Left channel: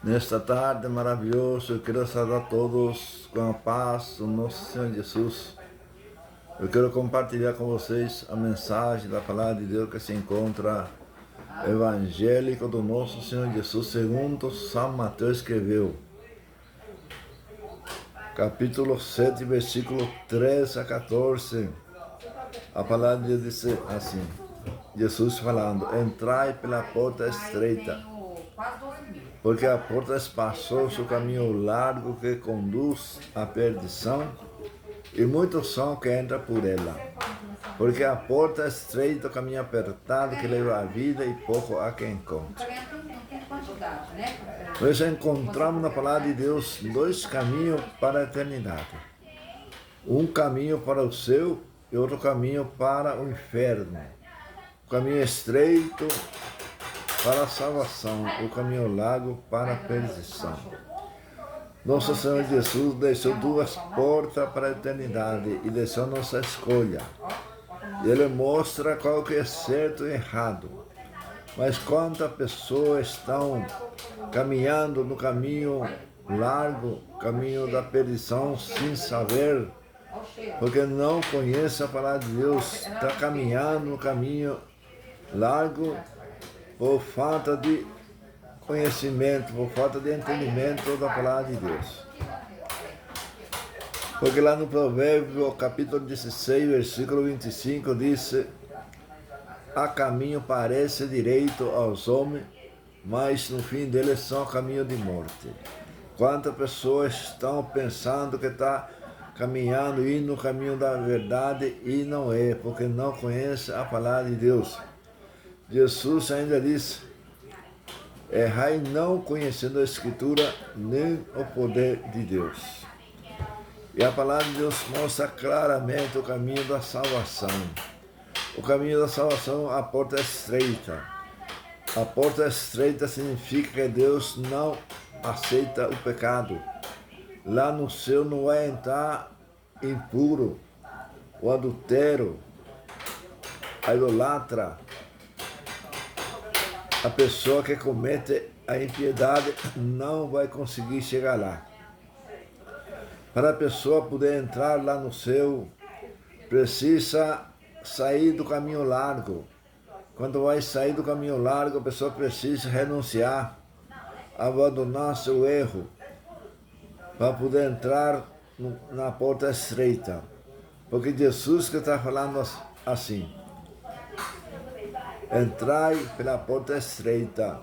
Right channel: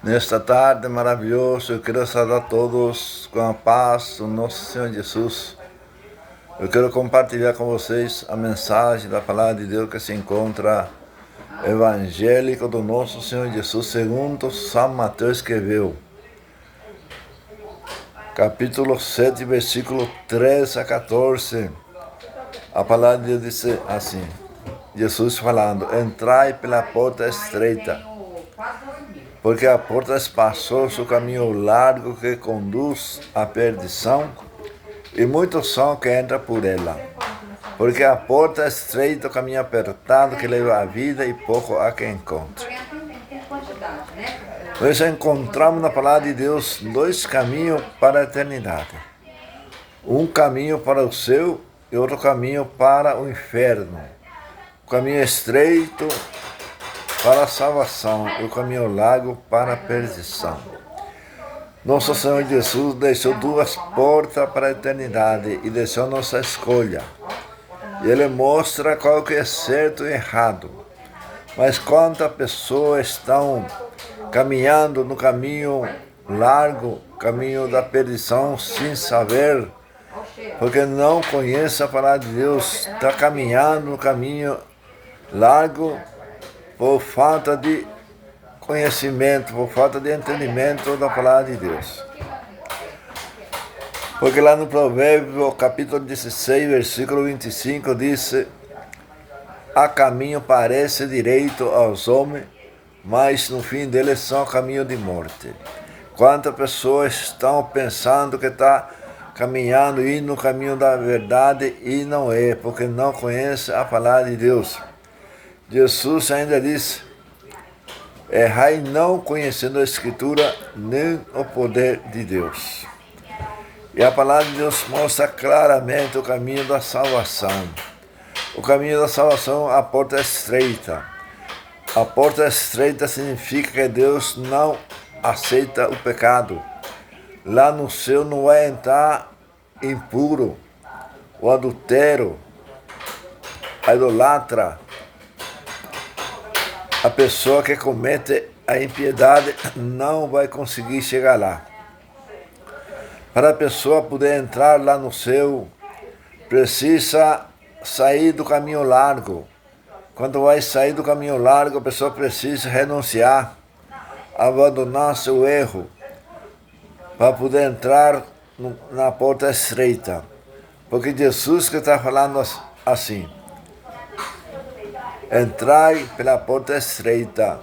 Nesta tarde maravilhosa, eu quero saudar todos com a paz do nosso Senhor Jesus. Eu quero compartilhar com vocês a mensagem da palavra de Deus que se encontra evangélico do nosso Senhor Jesus, segundo São Mateus escreveu. Capítulo 7, versículo 13 a 14. A palavra de Deus diz assim, Jesus falando: entrai pela porta estreita, porque a porta é espaçosa, o caminho largo que conduz à perdição, e muitos são que entram por ela. Porque a porta é estreita, o caminho apertado que leva à vida, e pouco há quem encontre. Nós encontramos na palavra de Deus dois caminhos para a eternidade. Um caminho para o céu e outro caminho para o inferno. O caminho estreito para a salvação e o caminho largo para a perdição. Nosso Senhor Jesus deixou duas portas para a eternidade e deixou nossa escolha. E Ele mostra qual que é certo e errado. Mas quantas pessoas estão caminhando no caminho largo, caminho da perdição, sem saber, porque não conhece a palavra de Deus, está caminhando no caminho largo por falta de conhecimento, por falta de entendimento da palavra de Deus. Porque lá no Provérbio, capítulo 16, versículo 25, diz: há caminho parece direito aos homens, mas no fim deles são caminho de morte. Quantas pessoas estão pensando que está caminhando, indo no caminho da verdade, e não é, porque não conhece a palavra de Deus. Jesus ainda disse: errai não conhecendo a Escritura, nem o poder de Deus. E a palavra de Deus mostra claramente o caminho da salvação. O caminho da salvação, a porta é estreita. A porta estreita significa que Deus não aceita o pecado. Lá no céu não vai entrar impuro, o adultério, a idolatra, a pessoa que comete a impiedade não vai conseguir chegar lá. Para a pessoa poder entrar lá no céu, precisa sair do caminho largo. Quando vai sair do caminho largo, a pessoa precisa renunciar, abandonar seu erro, para poder entrar na porta estreita. Porque Jesus que está falando assim: entrai pela porta estreita,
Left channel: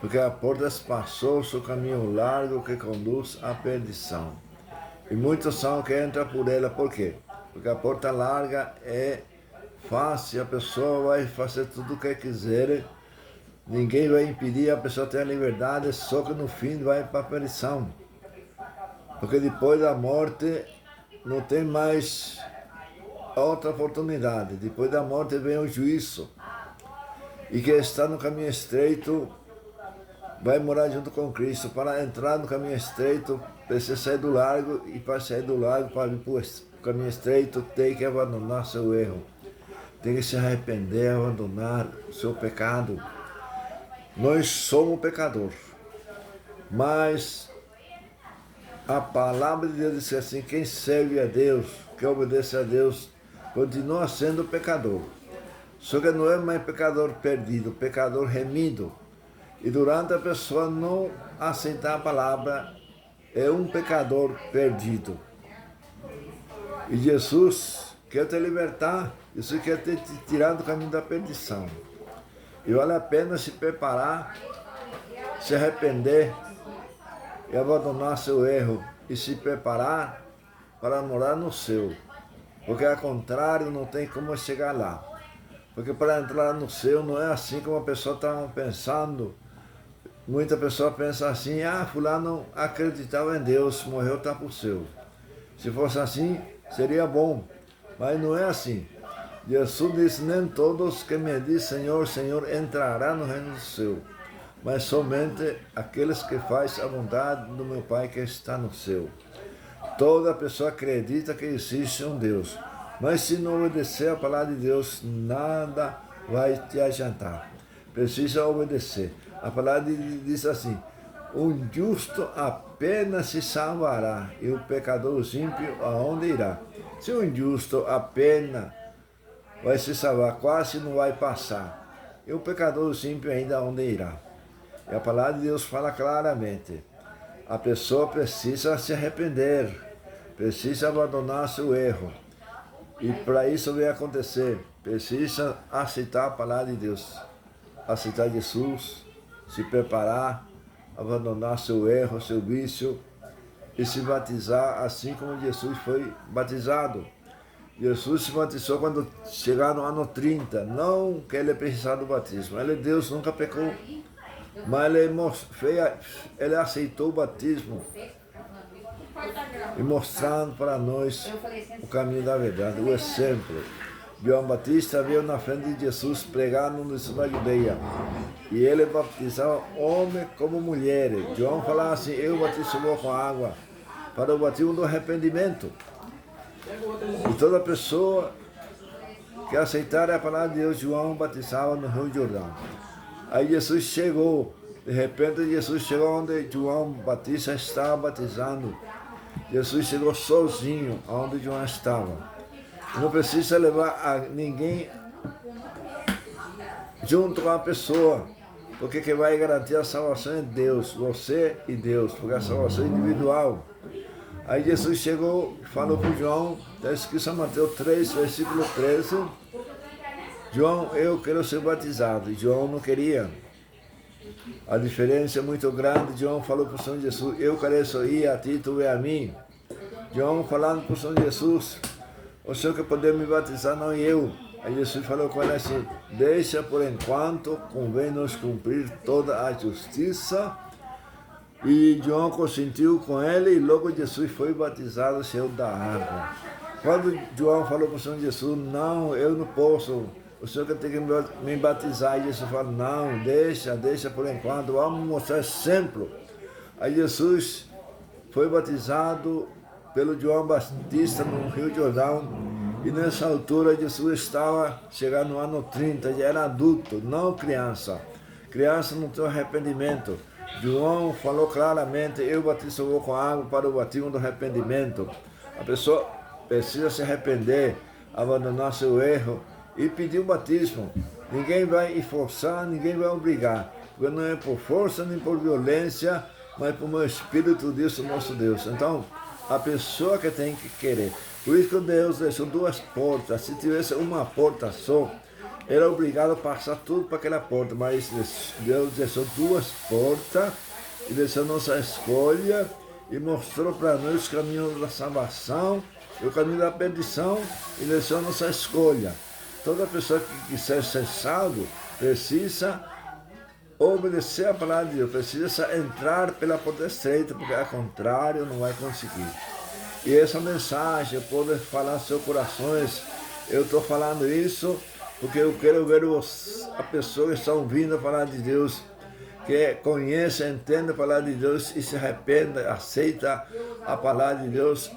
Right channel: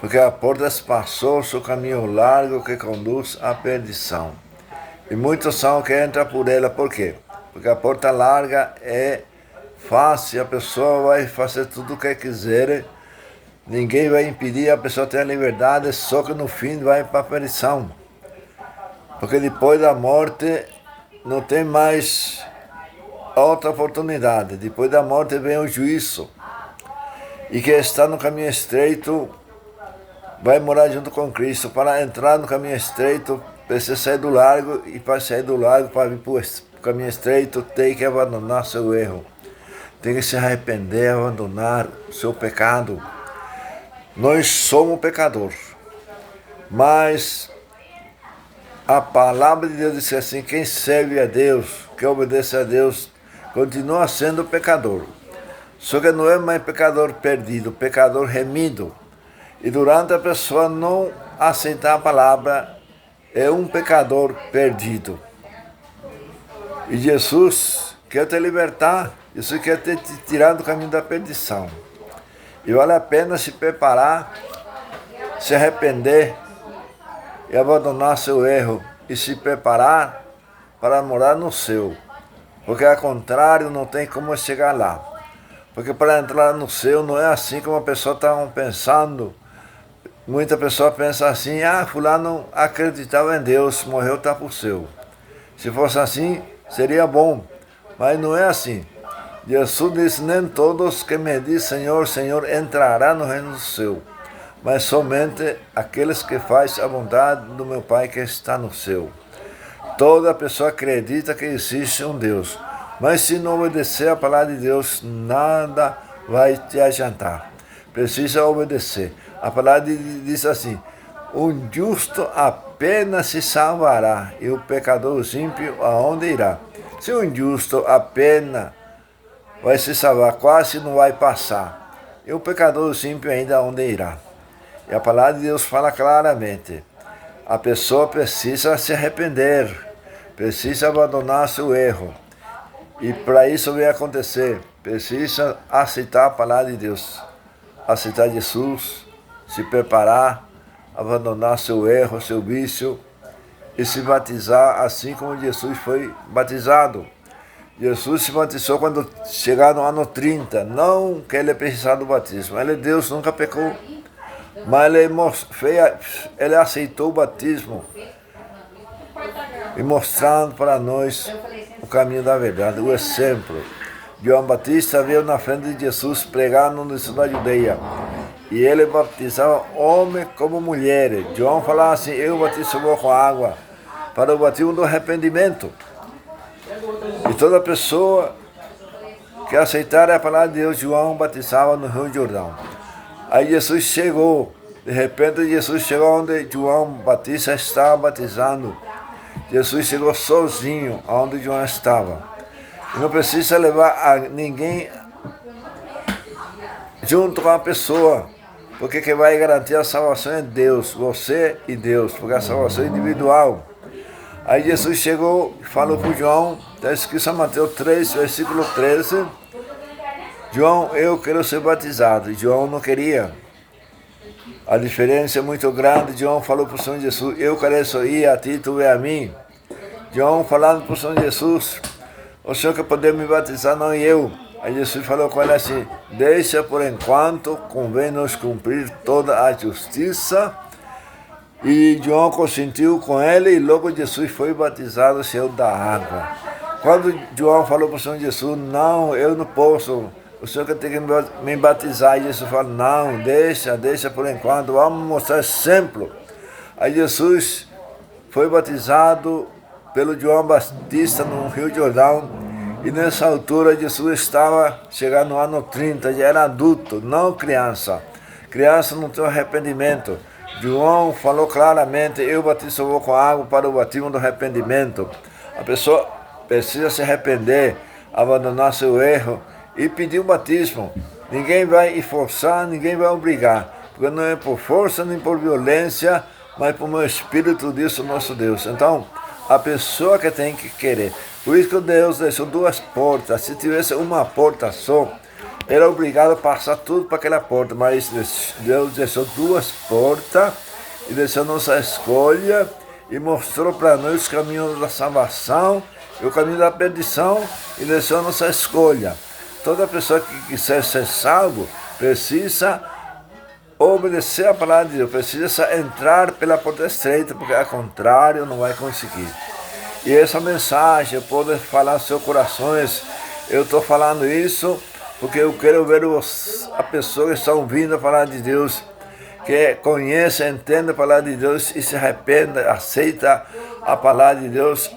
porque a porta é espaçosa, o caminho largo que conduz à perdição. E muitos são que entram por ela. Por quê? Porque a porta larga é fácil, a pessoa vai fazer tudo o que quiser, ninguém vai impedir, a pessoa tem a liberdade, só que no fim vai para a perdição. Porque depois da morte não tem mais outra oportunidade. Depois da morte vem o juízo. E quem está no caminho estreito vai morar junto com Cristo. Para entrar no caminho estreito, precisa sair do largo, e para sair do largo, para vir para o caminho estreito, tem que abandonar seu erro. Tem que se arrepender, abandonar o seu pecado. Nós somos pecadores, mas a palavra de Deus diz assim: quem serve a Deus, quem obedece a Deus, continua sendo pecador. Só que não é mais pecador perdido, pecador remido. E durante a pessoa não aceitar a palavra, é um pecador perdido. E Jesus quer te libertar, Jesus quer te tirar do caminho da perdição. E vale a pena se preparar, se arrepender e abandonar seu erro e se preparar para morar no céu. Porque ao contrário não tem como chegar lá. Porque para entrar no céu não é assim como a pessoa está pensando. Muita pessoa pensa assim: fulano acreditava em Deus, morreu, está para o céu. Se fosse assim, seria bom. Mas não é assim. Jesus disse: nem todos que me dizem Senhor, Senhor entrarão no reino do céu, mas somente aqueles que fazem a vontade do meu Pai que está no céu. Toda pessoa acredita que existe um Deus, mas se não obedecer a palavra de Deus, nada vai te adiantar. Precisa obedecer. A palavra diz assim: O justo apenas se salvará, e o pecador ímpio aonde irá? Se o injusto apenas vai se salvar, quase não vai passar, e o pecador ímpio ainda aonde irá? E a palavra de Deus fala claramente, a pessoa precisa se arrepender, precisa abandonar seu erro, e para isso vai acontecer, precisa aceitar a palavra de Deus, aceitar Jesus, se preparar, abandonar seu erro, seu vício e se batizar assim como Jesus foi batizado. Jesus se batizou quando chegar no ano 30, não que ele precisava do batismo, ele Deus, nunca pecou, mas ele aceitou o batismo e mostrando para nós o caminho da verdade, o exemplo. João Batista veio na frente de Jesus pregar no início da Judeia. E ele batizava homem como mulher. João falava assim, eu batizo com água para o batismo do arrependimento. E toda pessoa que aceitar a palavra de Deus, João batizava no Rio Jordão. Aí Jesus chegou, de repente Jesus chegou onde João Batista estava batizando. Jesus chegou sozinho onde João estava. E não precisa levar a ninguém junto com a pessoa, porque quem vai garantir a salvação é Deus, você e Deus, porque a salvação é individual. Aí Jesus chegou e falou para João, está escrito em Mateus 3, versículo 13, João, eu quero ser batizado, e João não queria. A diferença é muito grande. João falou para o Senhor Jesus, eu quero ir a ti, tu vem a mim. João falando para o Senhor Jesus, o Senhor quer poder me batizar, não eu. Aí Jesus falou com ele assim, deixa por enquanto, convém nos cumprir toda a justiça. E João consentiu com ele e logo Jesus foi batizado, saiu da água. Quando João falou para o Senhor Jesus, não, eu não posso, o Senhor quer ter que me batizar. E Jesus falou, não, deixa por enquanto, vamos mostrar exemplo. Aí Jesus foi batizado pelo João Batista no Rio Jordão. E nessa altura Jesus estava chegando no ano 30, já era adulto, não criança. Criança não tem arrependimento. João falou claramente, eu batizo com água para o batismo do arrependimento. A pessoa precisa se arrepender, abandonar seu erro e pedir o batismo. Ninguém vai forçar, ninguém vai obrigar, porque não é por força nem por violência, mas por meu Espírito, diz o nosso Deus. Então, a pessoa que tem que querer. Por isso que Deus deixou duas portas. Se tivesse uma porta só, era obrigado a passar tudo para aquela porta. Mas Deus deixou duas portas e deixou nossa escolha e mostrou para nós o caminho da salvação e o caminho da perdição e deixou nossa escolha. Toda pessoa que quiser ser salvo precisa obedecer a palavra de Deus, precisa entrar pela porta estreita, porque ao contrário não vai conseguir. E essa mensagem pode falar aos seus corações. Eu estou falando isso porque eu quero ver a pessoa que está ouvindo a palavra de Deus, que conhece, entende a palavra de Deus e se arrepende, aceita a palavra de Deus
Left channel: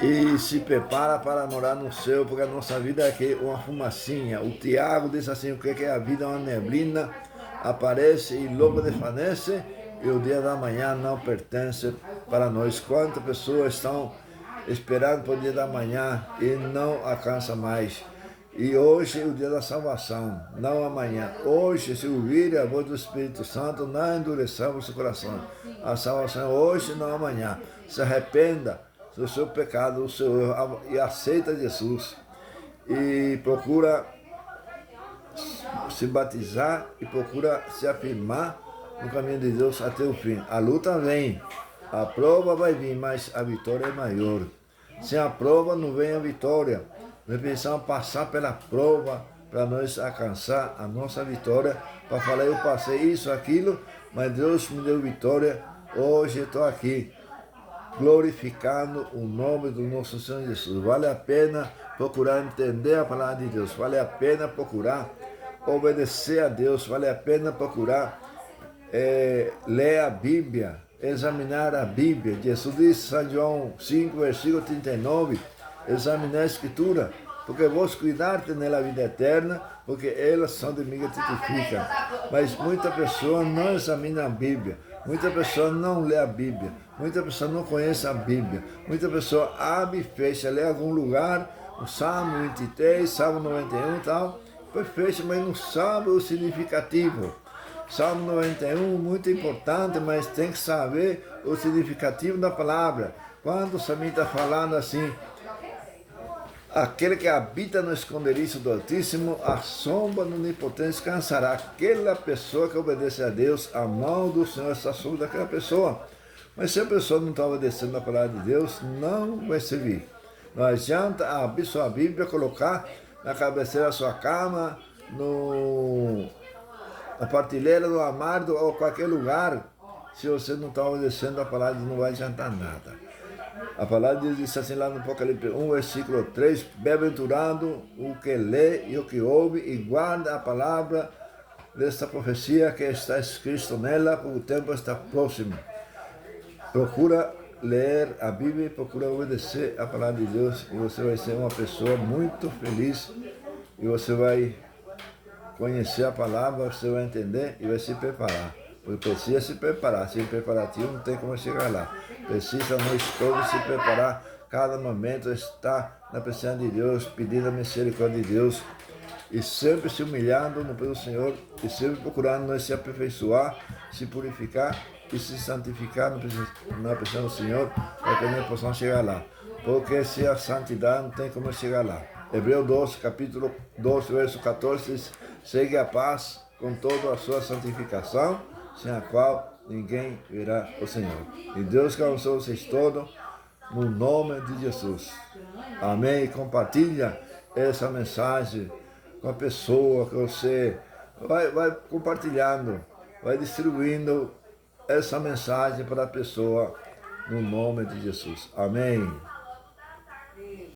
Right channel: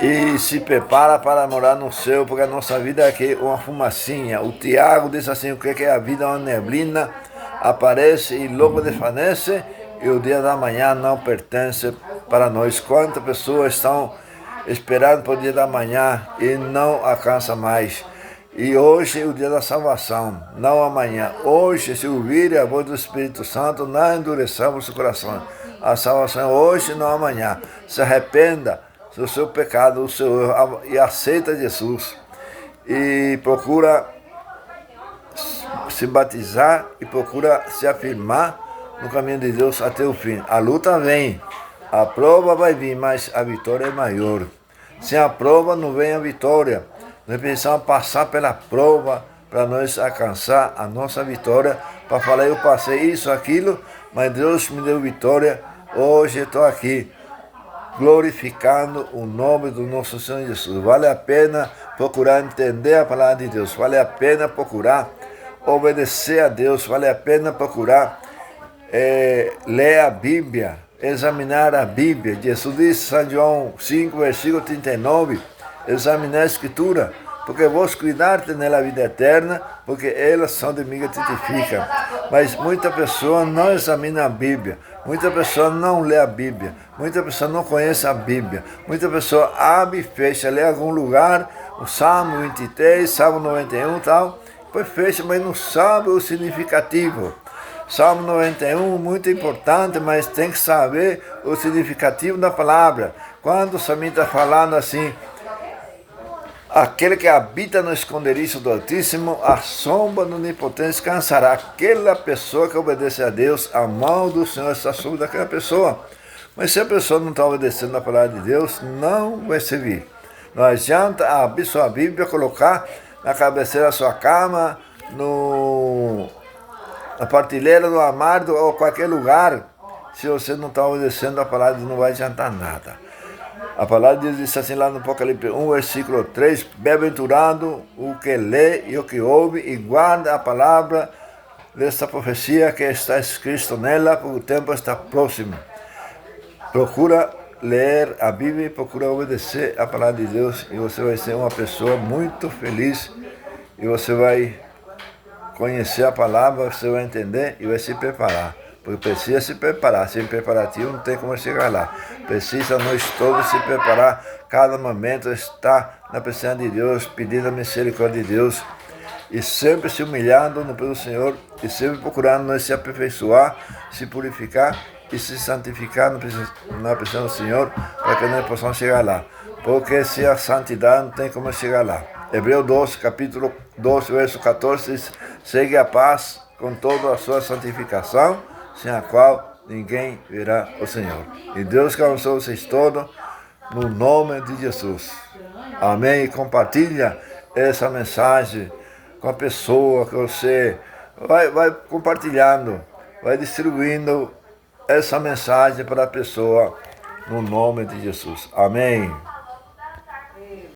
e se prepara para morar no céu, porque a nossa vida é aqui uma fumacinha. O Tiago diz assim, o que é a vida? Uma neblina, aparece e logo desvanece, e o dia da manhã não pertence para nós. Quantas pessoas estão esperando para o dia da manhã e não alcançam mais? E hoje é o dia da salvação, não amanhã. Hoje, se ouvirem a voz do Espírito Santo, não endureçamos o coração. A salvação é hoje, não amanhã. Se arrependa do seu pecado, do seu erro, e aceita Jesus. E procura se batizar e procura se afirmar no caminho de Deus até o fim. A luta vem, a prova vai vir, mas a vitória é maior. Sem a prova não vem a vitória. Nós precisamos passar pela prova para nós alcançar a nossa vitória, para falar, eu passei isso, aquilo, mas Deus me deu vitória, hoje estou aqui, glorificando o nome do nosso Senhor Jesus. Vale a pena procurar entender a palavra de Deus, vale a pena procurar obedecer a Deus, vale a pena procurar ler a Bíblia, examinar a Bíblia. Jesus disse, São João 5, versículo 39, examinar a Escritura, porque vos cuidar-te nela vida eterna, porque elas são de mim que testificam. Mas muita pessoa não examina a Bíblia, muita pessoa não lê a Bíblia, muita pessoa não conhece a Bíblia, muita pessoa abre e fecha, lê algum lugar, o Salmo 23, Salmo 91 e tal, depois fecha, mas não sabe o significativo. Salmo 91, muito importante, mas tem que saber o significativo da palavra. Quando o salmista está falando assim, aquele que habita no esconderijo do Altíssimo, a sombra do Onipotente descansará. Aquela pessoa que obedece a Deus, a mão do Senhor está sobre daquela pessoa. Mas se a pessoa não está obedecendo a palavra de Deus, não vai servir. Não adianta abrir sua Bíblia, colocar na cabeceira da sua cama, na partilheira, no armário ou qualquer lugar. Se você não está obedecendo a palavra, não vai adiantar nada. A palavra diz assim lá no Apocalipse 1, versículo 3, bem-aventurado o que lê e o que ouve e guarda a palavra desta profecia que está escrito nela, porque o tempo está próximo. Procura ler a Bíblia e procura obedecer a palavra de Deus e você vai ser uma pessoa muito feliz e você vai conhecer a palavra, você vai entender e vai se preparar. Porque precisa se preparar, sem preparativo não tem como chegar lá. Precisa nós todos se preparar, cada momento estar na presença de Deus, pedindo a misericórdia de Deus e sempre se humilhando no pé do Senhor e sempre procurando nós se aperfeiçoar, se purificar e se santificar na presença do Senhor para que nós possamos chegar lá. Porque se a santidade não tem como chegar lá. Hebreus 12, capítulo 12, verso 14 diz, segue a paz com toda a sua santificação, sem a qual ninguém verá o Senhor. E Deus que abençoe vocês todos, no nome de Jesus. Amém. E compartilha essa mensagem com a pessoa que você vai compartilhando, vai distribuindo essa mensagem para a pessoa, no nome de Jesus. Amém.